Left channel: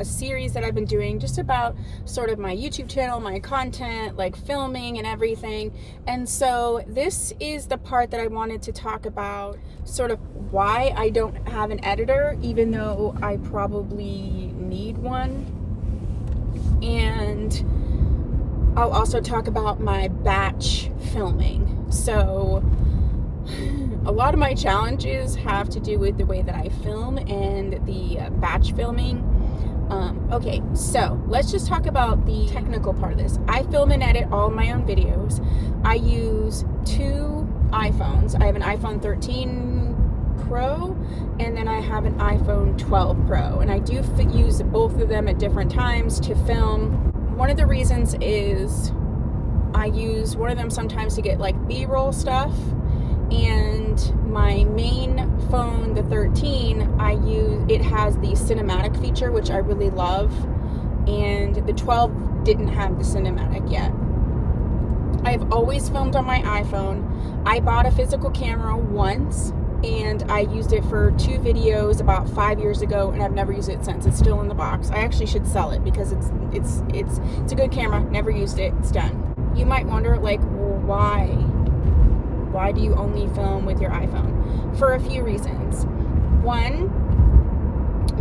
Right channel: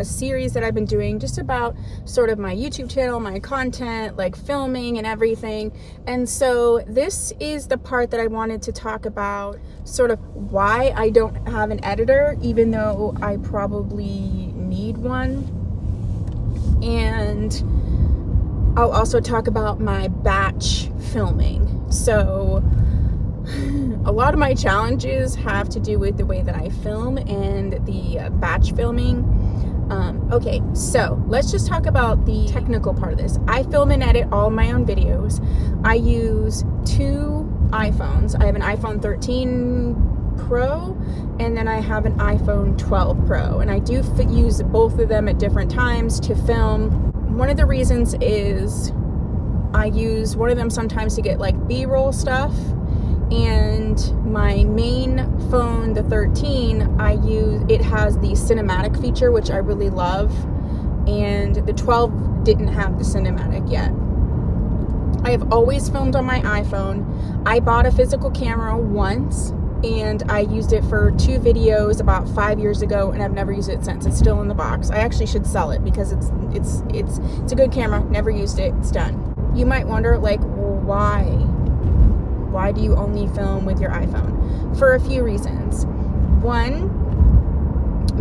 a series that I've been doing just about sort of my YouTube channel, my content, like filming and everything. And so this is the part that I wanted to talk about, sort of why I don't have an editor, even though I probably need one. And I'll also talk about my batch filming. So a lot of my challenges have to do with the way that I film and the batch filming. Okay, so let's just talk about the technical part of this. I film and edit all my own videos. I use 2 iPhones. I have an iPhone 13 Pro and then I have an iPhone 12 Pro, and I do use both of them at different times to film. One of the reasons is I use one of them sometimes to get like B-roll stuff, and my main phone, the 13, it has the cinematic feature, which I really love, and the 12 didn't have the cinematic yet. I have always filmed on my iPhone. I bought a physical camera once and I used it for 2 videos about 5 years ago, and I've never used it since. It's still in the box. I actually should sell it because it's a good camera. Never used it. It's done. You might wonder, like, well, why do you only film with your iPhone? For a few reasons. One,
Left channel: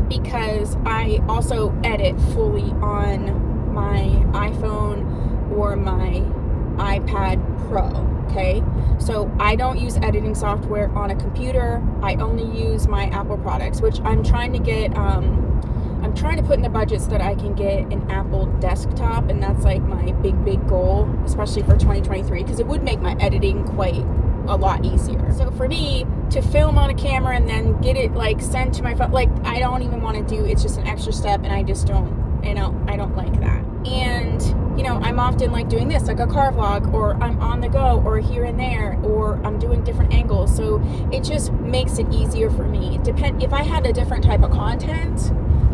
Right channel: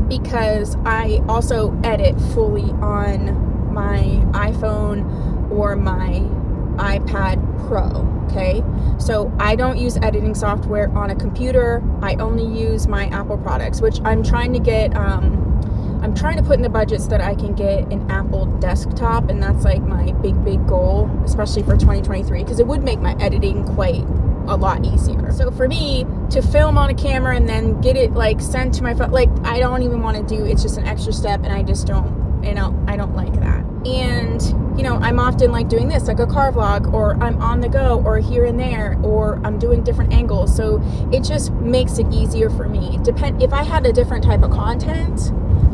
because I also edit fully on my iPhone or my iPad Pro, okay? So I don't use editing software on a computer. I only use my Apple products, which I'm trying to get, I'm trying to put in the budget so that I can get an Apple desktop, and that's like my big goal, especially for 2023, because it would make my editing quite a lot easier. So for me to film on a camera and then get it like sent to my phone, like I don't even want to do, it's just an extra step, and I just don't, I don't like that. And I'm often like doing this, like a car vlog, or I'm on the go, or here and there, or I'm doing different angles. So it just makes it easier for me. If I had a different type of content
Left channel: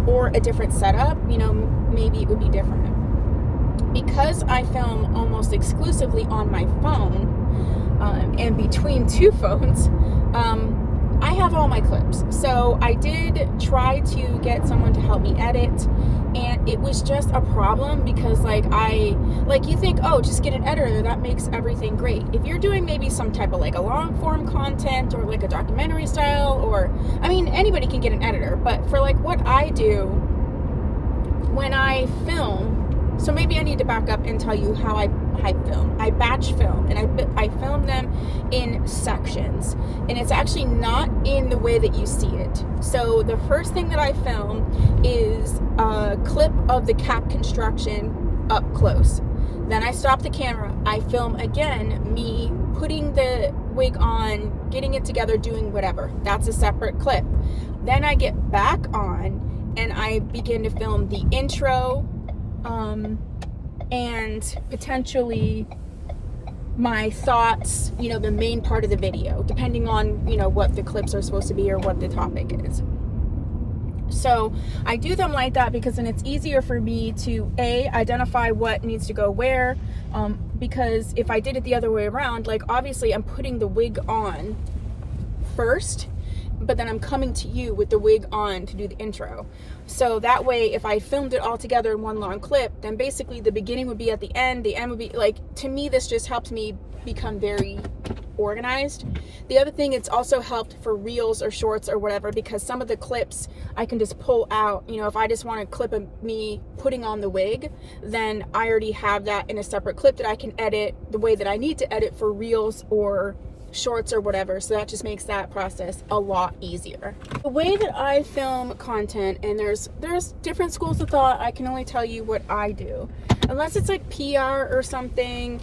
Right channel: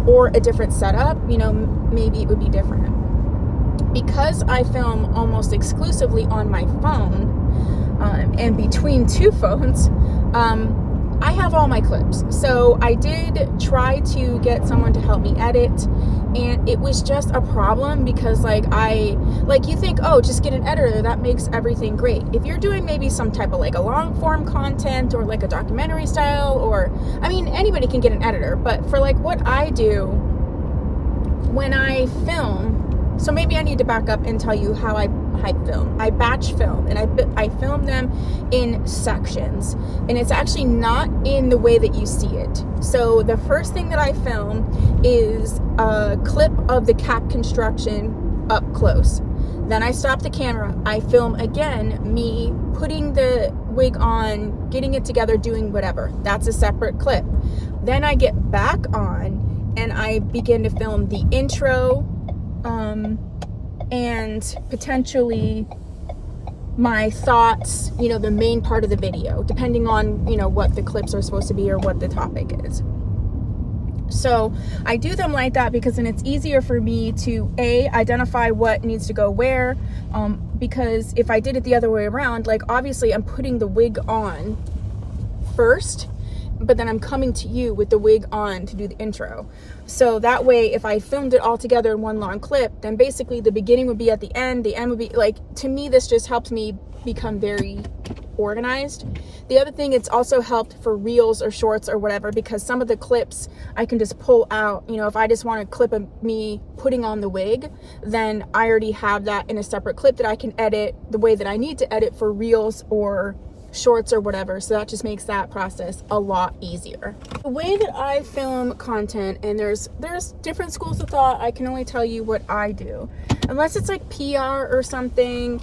or a different setup, maybe it would be different. Because I film almost exclusively on my phone, and between 2 phones, I have all my clips. So I did try to get someone to help me edit, and it was just a problem because you think, oh, just get an editor, that makes everything great. If you're doing maybe some type of like a long form content or like a documentary style, or anybody can get an editor, but for like what I do when I film, so maybe I need to back up and tell you how I film. I batch film, and I film them in sections, and it's actually not in the way that you see it. So the first thing that I film is a clip of the cap construction up close. Then I stop the camera. I film again me putting the wig on, getting it together, doing whatever. That's a separate clip. Then I get back on and I begin to film the intro, and potentially my thoughts, the main part of the video, depending on, what the clips are supposed to be or what the topic is. So I do them like that because then it's easier for me to identify what needs to go where, because if I did it the other way around, like obviously I'm putting the wig on first, but then I'm coming to you with the wig on to do the intro. So that way, if I filmed it all together in one long clip, then basically the beginning would be at the end would be like, to me, this just helps me become very organized. The other thing, it's also helped for reels or shorts or whatever, because some of the clips I can just pull out. If I just want a clip of me putting on the wig, then I already have that in a separate clip that I can edit the way that I need to edit for reels or shorts or whatever. So that just makes that process a lot easier. The way that I film content, and there's different schools of thought, I can only tell you what I do. Unless it's like PR or something,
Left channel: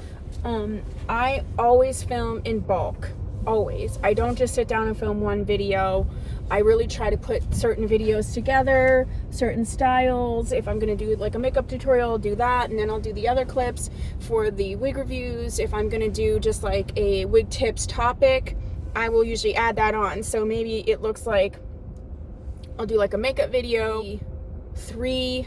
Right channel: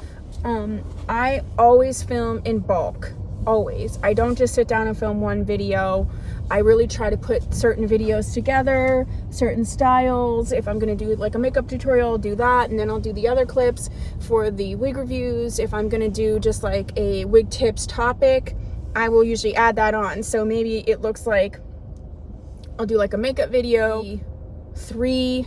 I always film in bulk. Always. I don't just sit down and film one video. I really try to put certain videos together, certain styles. If I'm going to do like a makeup tutorial, I'll do that, and then I'll do the other clips for the wig reviews. If I'm going to do just like a wig tips topic, I will usually add that on. So maybe it looks like I'll do like a makeup video, 3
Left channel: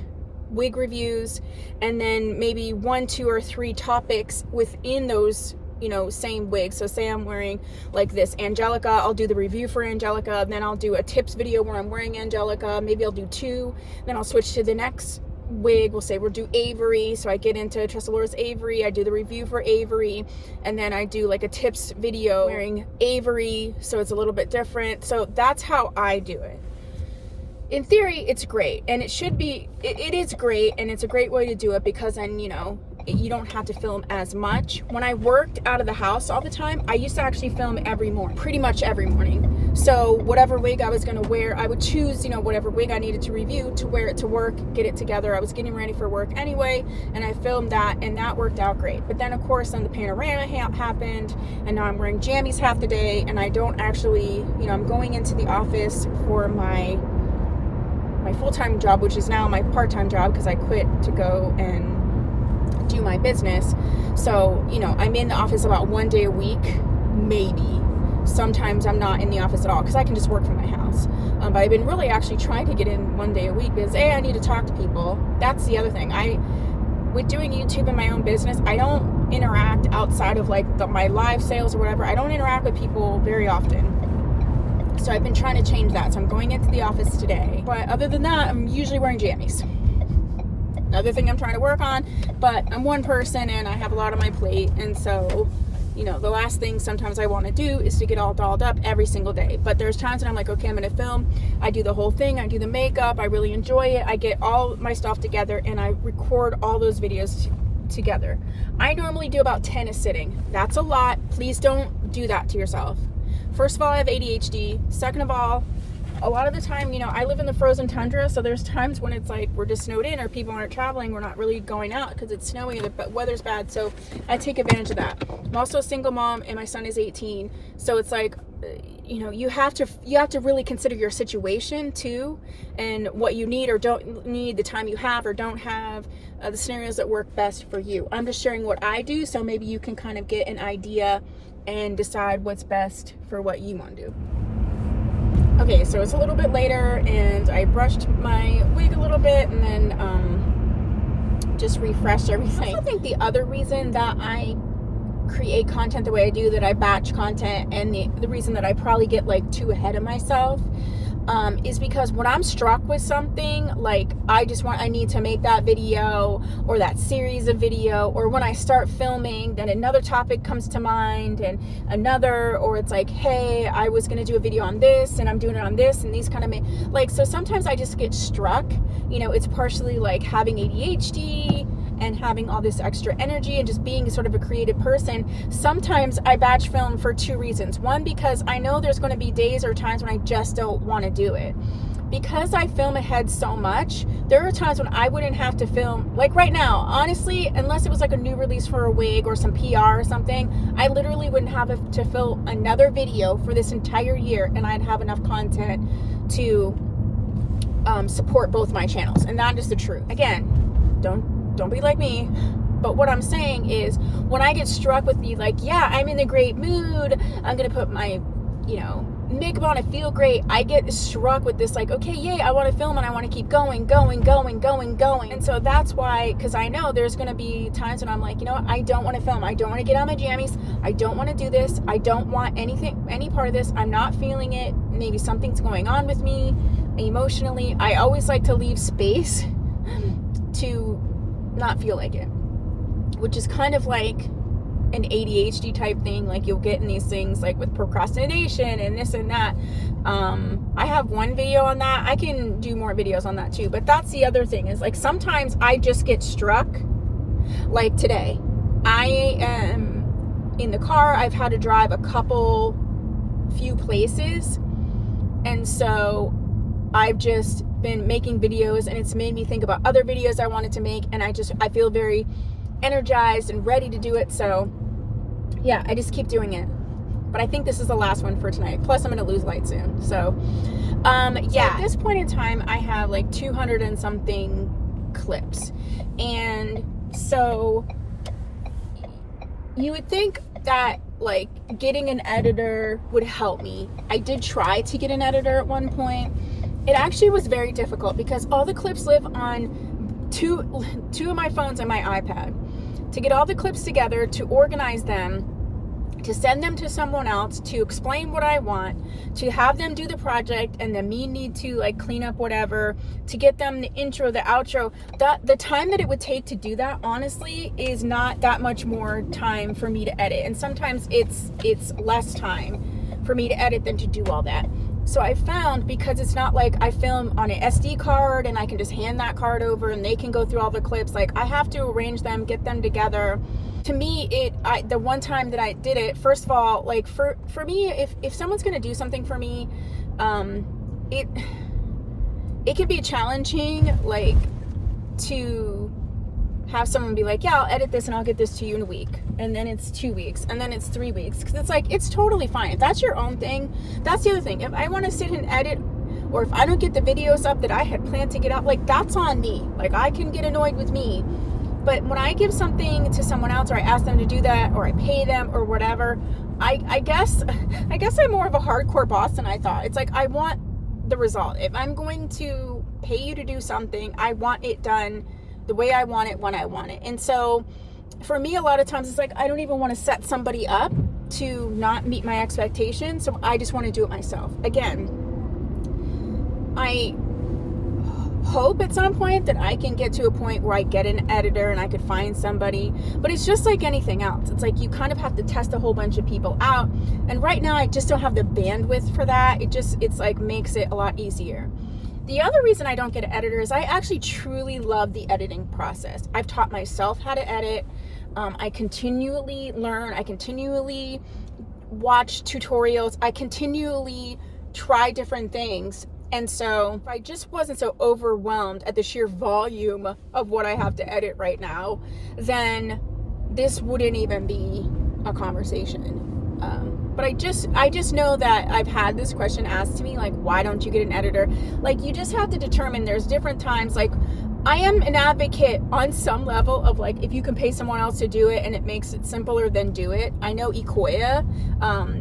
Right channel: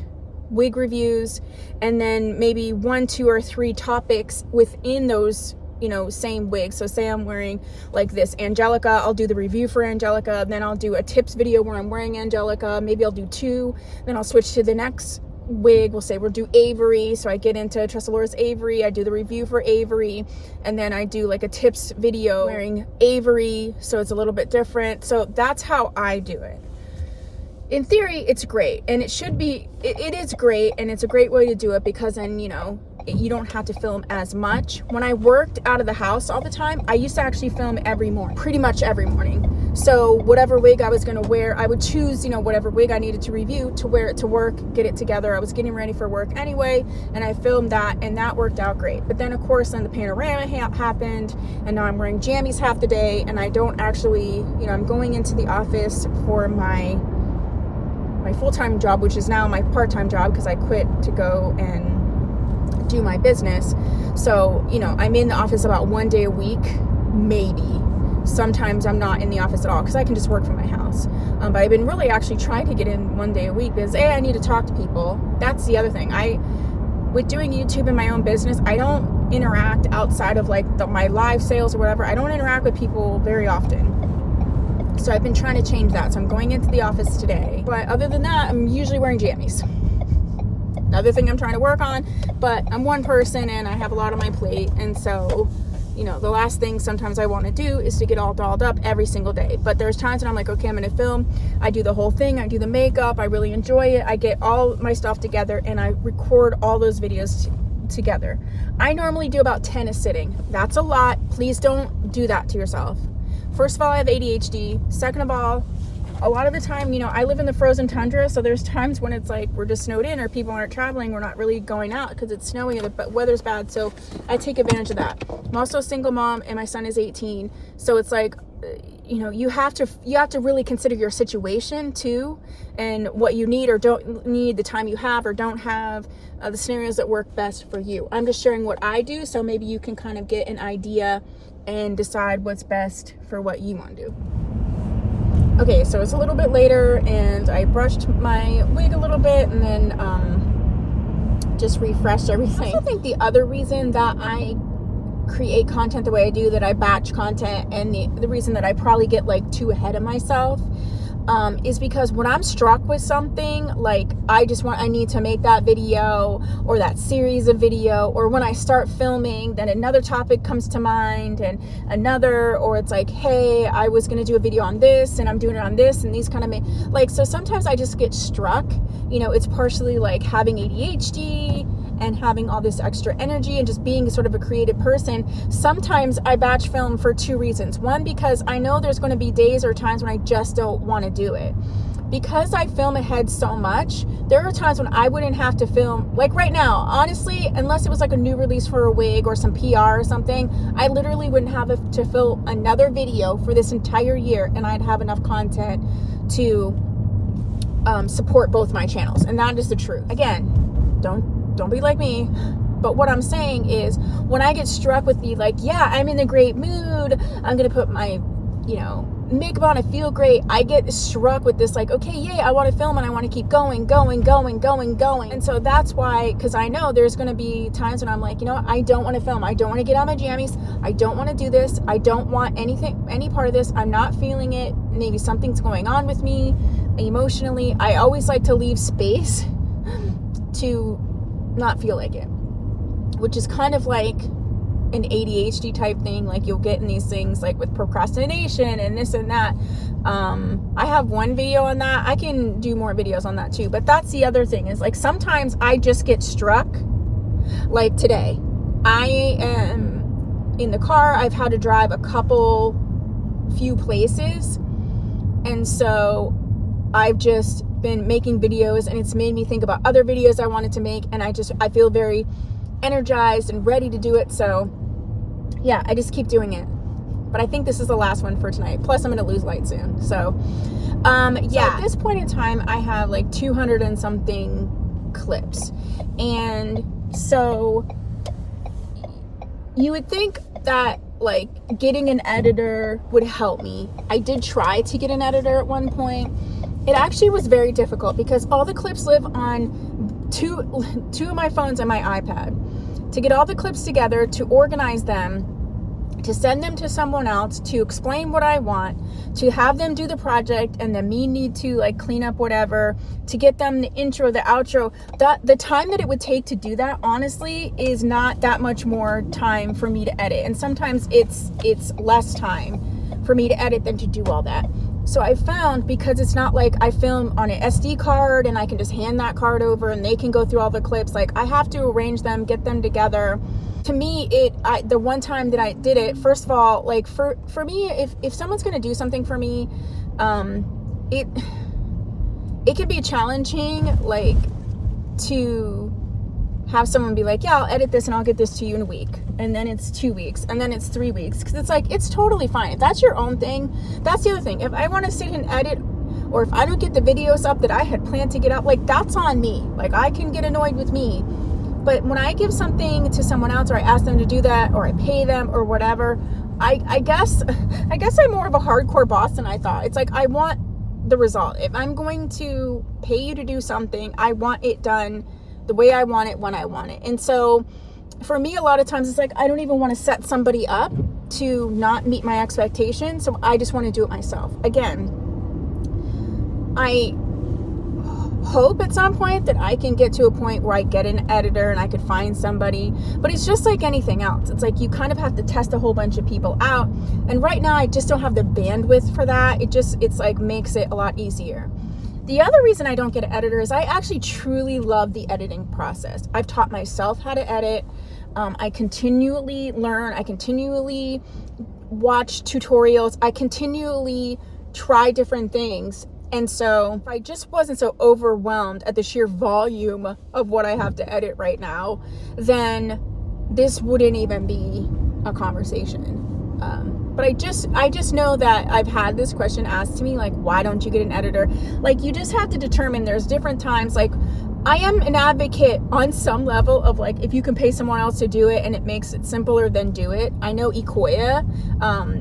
wig reviews, and then maybe 1, 2, or 3 topics within those you know, same wig. So say I'm wearing like this Angelica, I'll do the review for Angelica, then I'll do a tips video where I'm wearing Angelica, maybe I'll do 2, then I'll switch to the next wig. We'll say we'll do Avery, so I get into Tressalura's Avery, I do the review for Avery, and then I do like a tips video wearing Avery, so it's a little bit different. So that's how I do it. In theory, it's great, and it should be, it is great, and it's a great way to do it, because then, you know, you don't have to film as much. When I worked out of the house all the time, I used to actually film every morning, pretty much every morning. So whatever wig I was going to wear, I would choose, you know, whatever wig I needed to review to wear it to work, get it together. I was getting ready for work anyway, and I filmed that, and that worked out great. But then, of course, then the panorama happened, and now I'm wearing jammies half the day, and I don't actually, you know, I'm going into the office for my full-time job, which is now my part-time job, because I quit to go and do my business. So, you know, I'm in the office about 1 day a week, maybe. Sometimes I'm not in the office at all, because I can just work from my house. But I've been really actually trying to get in 1 day a week, because I need to talk to people. That's the other thing. With doing YouTube and my own business, I don't interact outside of like my live sales or whatever. I don't interact with people very often. So I've been trying to change that. So I'm going into the office today. But other than that, I'm usually wearing jammies. Another thing I'm trying to work on. But I'm one person and I have a lot on my plate. And so, you know, the last thing sometimes I want to do is to get all dolled up every single day. But there's times when I'm like, okay, I'm going to film. I do the whole thing. I do the makeup. I really enjoy it. I get all my stuff together and I record all those videos together. I normally do about 10 a sitting. That's a lot. Please don't do that to yourself. First of all, I have ADHD. Second of all, a lot of the time, you know, I live in the frozen tundra, so there's times when it's like we're just snowed in or people aren't traveling, we're not really going out because it's snowy or the weather's bad, so I take advantage of that. I'm also a single mom and my son is 18, so it's like, you know, you have to really consider your situation too, and what you need or don't need, the time you have or don't have, the scenarios that work best for you. I'm just sharing what I do, so maybe you can kind of get an idea and decide what's best for what you want to do. Okay, so it's a little bit later and I brushed my wig a little bit and then just refreshed everything. I also think the other reason that I create content the way I do, that I batch content, and the reason that I probably get like too ahead of myself is because when I'm struck with something, like I need to make that video or that series of video, or when I start filming, then another topic comes to mind and another, or it's like, hey, I was going to do a video on this and I'm doing it on this, and these kind of like, so sometimes I just get struck, you know, it's partially like having ADHD and having all this extra energy and just being sort of a creative person. Sometimes I batch film for two reasons. One, because I know there's going to be days or times when I just don't want to do it. Because I film ahead so much, there are times when I wouldn't have to film, like right now, honestly, unless it was like a new release for a wig or some PR or something, I literally wouldn't have to film another video for this entire year, and I'd have enough content to support both my channels. And that is the truth. Again, don't be like me, but what I'm saying is, when I get struck with the like, yeah, I'm in a great mood, I'm gonna put my, you know, makeup on, I feel great, I get struck with this like, okay, yay, I want to film and I want to keep going. And so that's why, because I know there's gonna be times when I'm like, you know what, I don't want to film, I don't want to get on my jammies, I don't want to do this, I don't want any part of this, I'm not feeling it, maybe something's going on with me emotionally. I always like to leave space to not feel like it, which is kind of like an ADHD type thing. Like you'll get in these things like with procrastination and this and that. I have one video on that. I can do more videos on that too, but that's the other thing, is like sometimes I just get struck. Like today, I am in the car, I've had to drive a few places, and so I've just been making videos, and it's made me think about other videos I wanted to make, and I feel very energized and ready to do it. So yeah, I just keep doing it. But I think this is the last one for tonight. Plus I'm going to lose light soon. So yeah, at this point in time, I have like 200 and something clips. And so you would think that like getting an editor would help me. I did try to get an editor at one point. It actually was very difficult because all the clips live on two of my phones and my iPad. To get all the clips together, to organize them, to send them to someone else, to explain what I want, to have them do the project, and then me need to like clean up whatever, to get them the intro, the outro. That the time that it would take to do that, honestly, is not that much more time for me to edit. And sometimes it's less time for me to edit than to do all that. So I found, because it's not like I film on an SD card and I can just hand that card over and they can go through all the clips. Like, I have to arrange them, get them together. To me, the one time that I did it, first of all, like for me, if someone's going to do something for me, it can be challenging, like, to have someone be like, yeah, I'll edit this and I'll get this to you in a week. And then it's 2 weeks, and then it's 3 weeks. Because it's like, it's totally fine. If that's your own thing, that's the other thing. If I want to sit and edit, or if I don't get the videos up that I had planned to get up, like, that's on me. Like, I can get annoyed with me. But when I give something to someone else, or I ask them to do that, or I pay them or whatever, I guess I'm more of a hardcore boss than I thought. It's like, I want the result. If I'm going to pay you to do something, I want it done the way I want it, when I want it. And so for me, a lot of times it's like, I don't even want to set somebody up to not meet my expectations. So I just want to do it myself. Again, I hope at some point that I can get to a point where I get an editor and I could find somebody, but it's just like anything else. It's like, you kind of have to test a whole bunch of people out. And right now I just don't have the bandwidth for that. It's like makes it a lot easier. The other reason I don't get an editor is I actually truly love the editing process. I've taught myself how to edit. I continually learn. I continually watch tutorials. I continually try different things. And so if I just wasn't so overwhelmed at the sheer volume of what I have to edit right now, then this wouldn't even be a conversation. But I just know that I've had this question asked to me, like, why don't you get an editor? Like, you just have to determine, there's different times. Like, I am an advocate on some level of, like, if you can pay someone else to do it and it makes it simpler, then do it. I know Ikoya,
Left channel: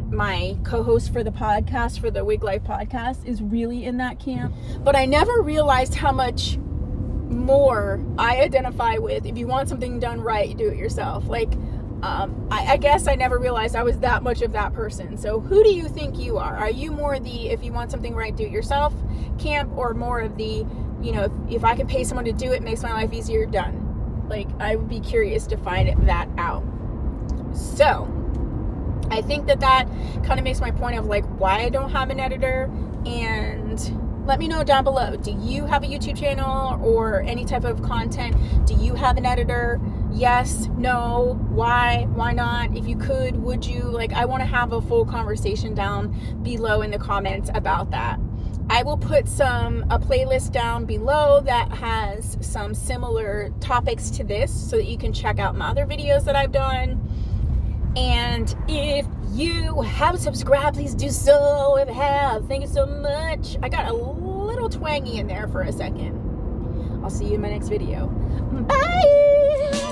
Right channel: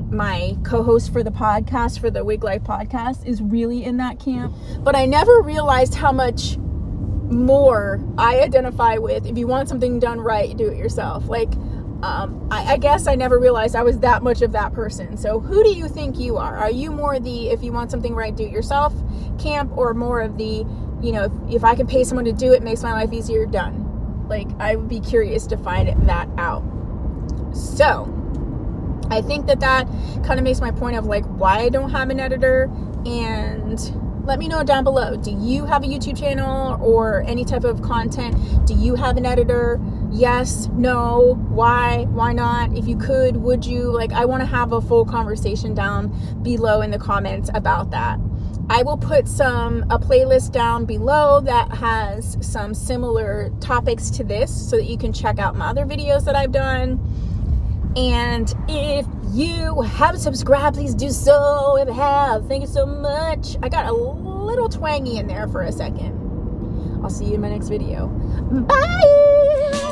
my co-host for the podcast, for the Wig Life podcast, is really in that camp. But I never realized how much more I identify with, if you want something done right, do it yourself. Like, I guess I never realized I was that much of that person. So who do you think you are? Are you more the, if you want something right, do it yourself camp, or more of the, you know, if I can pay someone to do it, makes my life easier, done? Like, I would be curious to find that out. So I think that kind of makes my point of, like, why I don't have an editor. And let me know down below, do you have a YouTube channel or any type of content? Do you have an editor? Yes, no, why not? If you could, would you? Like, I want to have a full conversation down below in the comments about that. I will put a playlist down below that has some similar topics to this, so that you can check out my other videos that I've done. And if you haven't subscribed, please do so. If you have, thank you so much. I got a little twangy in there for a second. I'll see you in my next video. Bye!